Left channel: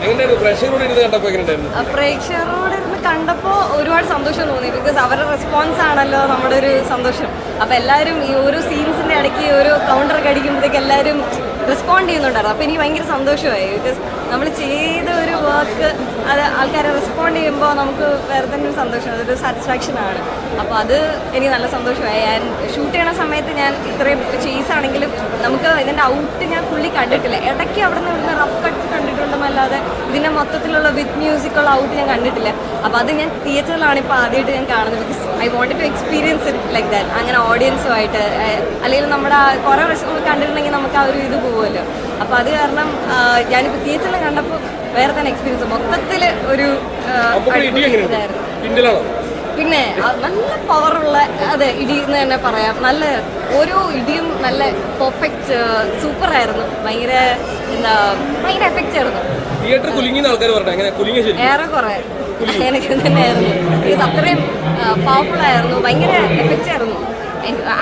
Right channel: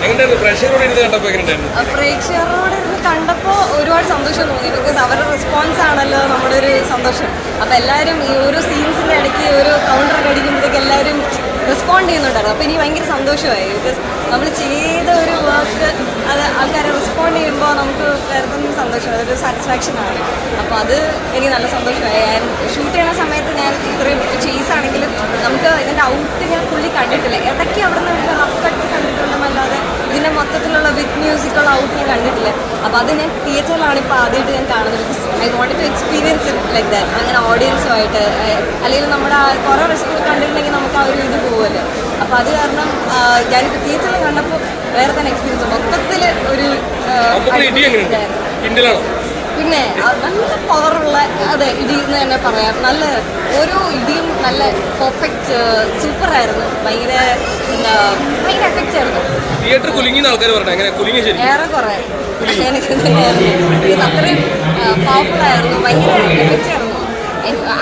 പ്രേക്ഷകരോട് ഇരുന്ന് കണ്ടപ്പോൾ ഒരുപാട് സന്തോഷം തോന്നി. ബിക്കോസ് അവരുടെ റെസ്പോൺസ് ആണല്ലോ നമ്മുടെ ഒരു സന്തോഷം. അപ്പോൾ എല്ലാവരും ഈ ഓരോ സീൻസിൻ്റെ ഇടയ്ക്ക് ഓരോ കൗണ്ടറൊക്കെ അടിക്കുമ്പോഴത്തേക്ക് എല്ലാവരും റെസ്പോണ്ട് ചെയ്യുന്നുണ്ടായിരുന്നു. അപ്പോൾ എനിക്ക് ഭയങ്കര സന്തോഷമായി. ബിക്കോസ് നമ്മൾ ചെയ്ത ഒരു വർക്ക് അത് ആൾക്കാരെ റെസ്പോണ്ട് ചെയ്യുമ്പോൾ നമുക്ക് വേറെ തന്നെ സന്തോഷം, അതൊരു സാറ്റിസ്ഫാക്ഷനാണ്. അപ്പോൾ അത് എനിക്ക് നല്ല സന്തോഷമായി. ഷൂട്ട് ചെയ്യുന്ന സമയത്ത് ഞാൻ ഇത്രയും ചേസാണെങ്കിലും നമുക്ക് ഇതിൻ്റെ ഔട്ട് ഞാൻ ഫുള്ളി കണ്ടിട്ടില്ല. ഇടയ്ക്ക് അവിടെ നിന്ന് റഫ് കട്ട് കണ്ടിട്ടുണ്ടെന്നല്ലാതെ ഇതിൻ്റെ മൊത്തത്തിലുള്ള വിത്ത് മ്യൂസിക്കുള്ള ഔട്ട് ഞാൻ കണ്ടിട്ടില്ല. അപ്പോൾ അത് ഞാൻ തിയേറ്ററിലാണ് ഇപ്പോൾ ആദ്യമായിട്ട് ഞാൻ കാണുന്നത്. Because I want to experience it like that. അങ്ങനെ ഓഡിയൻസുമായിട്ട് അല്ലെങ്കിൽ നമ്മുടെ കുറേ വർഷങ്ങൾ കണ്ടിട്ടുണ്ടെങ്കിൽ നമുക്ക് ആ ഒരു ഇത് പോകുമല്ലോ. അപ്പോൾ അത് കാരണം ഞാനിപ്പോൾ തിയേറ്ററിൽ കണ്ടപ്പോൾ വേറെ തന്നെ എക്സ്പീരിയൻസ്. മൊത്തത്തിൽ ഒരു പിന്നെ നല്ല പവറുള്ള അതെ ഇടി എന്ന് തന്നെ പറയാം. നല്ല ഓരോ ഇടിയും നല്ല പെർഫെക്റ്റ് സൂപ്പറായിരുന്നു. ഭയങ്കര എഫക്റ്റ് ആയിരുന്നു. ഏറെക്കുറെ അങ്ങനെയൊക്കെ തന്നെയായിരുന്നു. അത്രയും പവർഫുൾ ആയിരുന്നു. ഭയങ്കര എഫക്റ്റ് ആയിരുന്നു.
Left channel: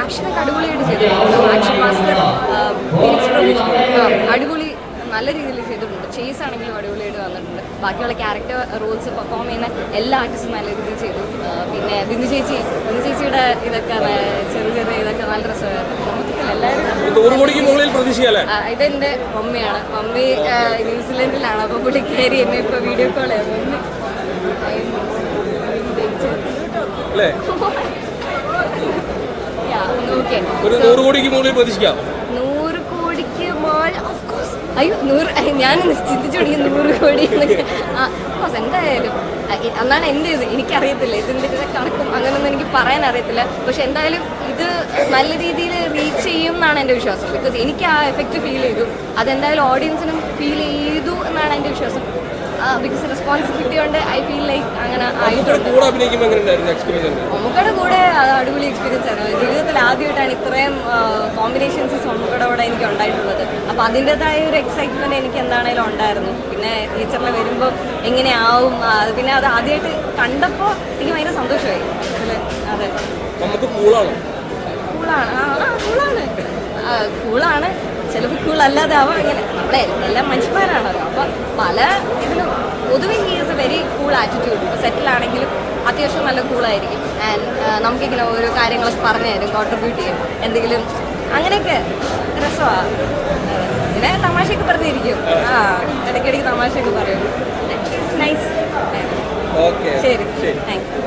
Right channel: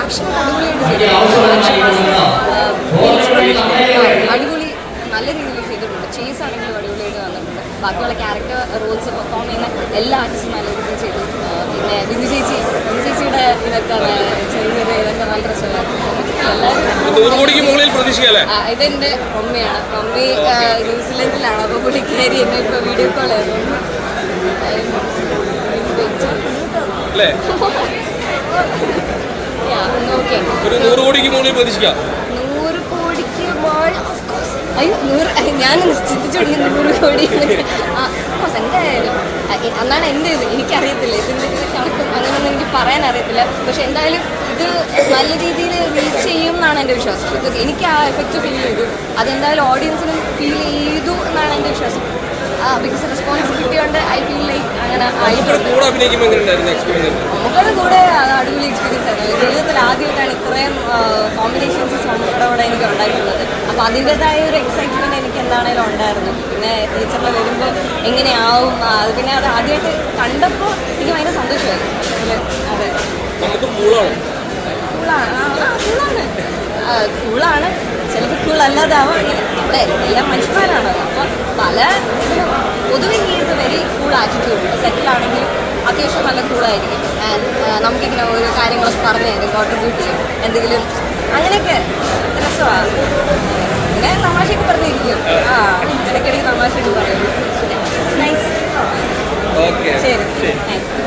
ആക്ഷൻ അടിപൊളിയായിട്ട് ചെയ്തിട്ടുണ്ട്. അടിപൊളി നല്ല രീതിയിൽ ചെയ്തിട്ടുണ്ട്. ചേസ് ആണെങ്കിലും അടിപൊളിയായിട്ട് വന്നിട്ടുണ്ട്. ബാക്കിയുള്ള ക്യാരക്ടർ റോൾസ് പെർഫോം ചെയ്യുന്ന എല്ലാ ആർട്ടിസ്റ്റും നല്ല രീതിയിൽ ചെയ്തു. പിന്നെ ബിന്ദു ചേച്ചിയുടെ ഇതൊക്കെ ചെറിയ ചെറിയ ഇതൊക്കെ നല്ല രസമായിരുന്നു. ഇതെന്റെ മമ്മിയാണ്. മമ്മി ന്യൂസിലൻഡിലാണ്. അപ്പോൾ പുള്ളി കയറി എന്നെ ഇപ്പോൾ വീഡിയോ കോൾ ആയിരുന്നു. ഓക്കെ 100 കോടിക്ക് മോൾ അയ്യോ 100 ഞാൻ ചിന്തിച്ചുകൊണ്ട് 100 കോടി എന്തായാലും അന്നാണ് എൻ്റെ ഇത്. എനിക്കറിയത്തില്ല ഇതിൻ്റെ കണക്കും അങ്ങനെയൊന്നും എനിക്ക് പറയാൻ അറിയത്തില്ല. പക്ഷെ എന്തായാലും ഇത് നല്ല രീതിയിൽ റീച്ച് ചെയ്യും എന്നാണ് എൻ്റെ വിശ്വാസം. ബിക്കോസ് എനിക്ക് ആ എഫക്റ്റ് ഫീൽ ചെയ്തു. അതെന്തായാലും ഓഡിയൻസിനും ഫീൽ ചെയ്തു എന്നാണ് എൻ്റെ വിശ്വാസം. ബിക്കോസ് റെസ്പോൺസിബിലിറ്റി കൊണ്ട് ഐ ഫീൽ ലൈക്ക് അങ്ങനെ നമുക്കടെ കൂടെ അടിപൊളി എക്സ്പീരിയൻസ് ആയിരുന്നു. ജീവിതത്തിൽ ആദ്യമായിട്ടാണ് ഇത്രയും കോമ്പിനേഷൻസ് നമുക്കടെ കൂടെ എനിക്ക് ഉണ്ടായിട്ടുള്ളത്. അപ്പോൾ അതിൻ്റെതായ ഒരു എക്സൈറ്റ്മെൻറ്റ് എനിക്ക് എന്താണേലും ഉണ്ടായിരുന്നു. പിന്നെ ടീച്ചറിനെ വരുമ്പോൾ എങ്ങനെയാവും പിന്നെ അത് ആദ്യമായിട്ട് കണ്ടപ്പോൾ എനിക്ക് ഭയങ്കര സന്തോഷമായിരുന്നു. അതെ കൂളാണ് ചിലപ്പോൾ കൂളല്ലാതാവും. അങ്ങനെ അല്ലേ എല്ലാം മനുഷ്യന്മാരാണല്ലോ. അപ്പോൾ പല ഇതിലും പൊതുവെ is a very cool attitude. സെറ്റിലാണെങ്കിലും അത്യാവശ്യം നല്ല കൂളായിരിക്കും. ആൻഡ് നമുക്കിങ്ങനെ ഓരോ കാര്യങ്ങളൊക്കെ പറഞ്ഞു തരും, കോൺട്രിബ്യൂട്ട് ചെയ്യും എന്തെങ്കിലും അങ്ങനെയൊക്കെ രസമാണ്. പിന്നെ തമാശയൊക്കെ പറഞ്ഞിരിക്കും. ഇടയ്ക്കിടയ്ക്ക് തമാശയൊക്കെ പറയും. നൈസ്. ശരി താങ്ക് യു.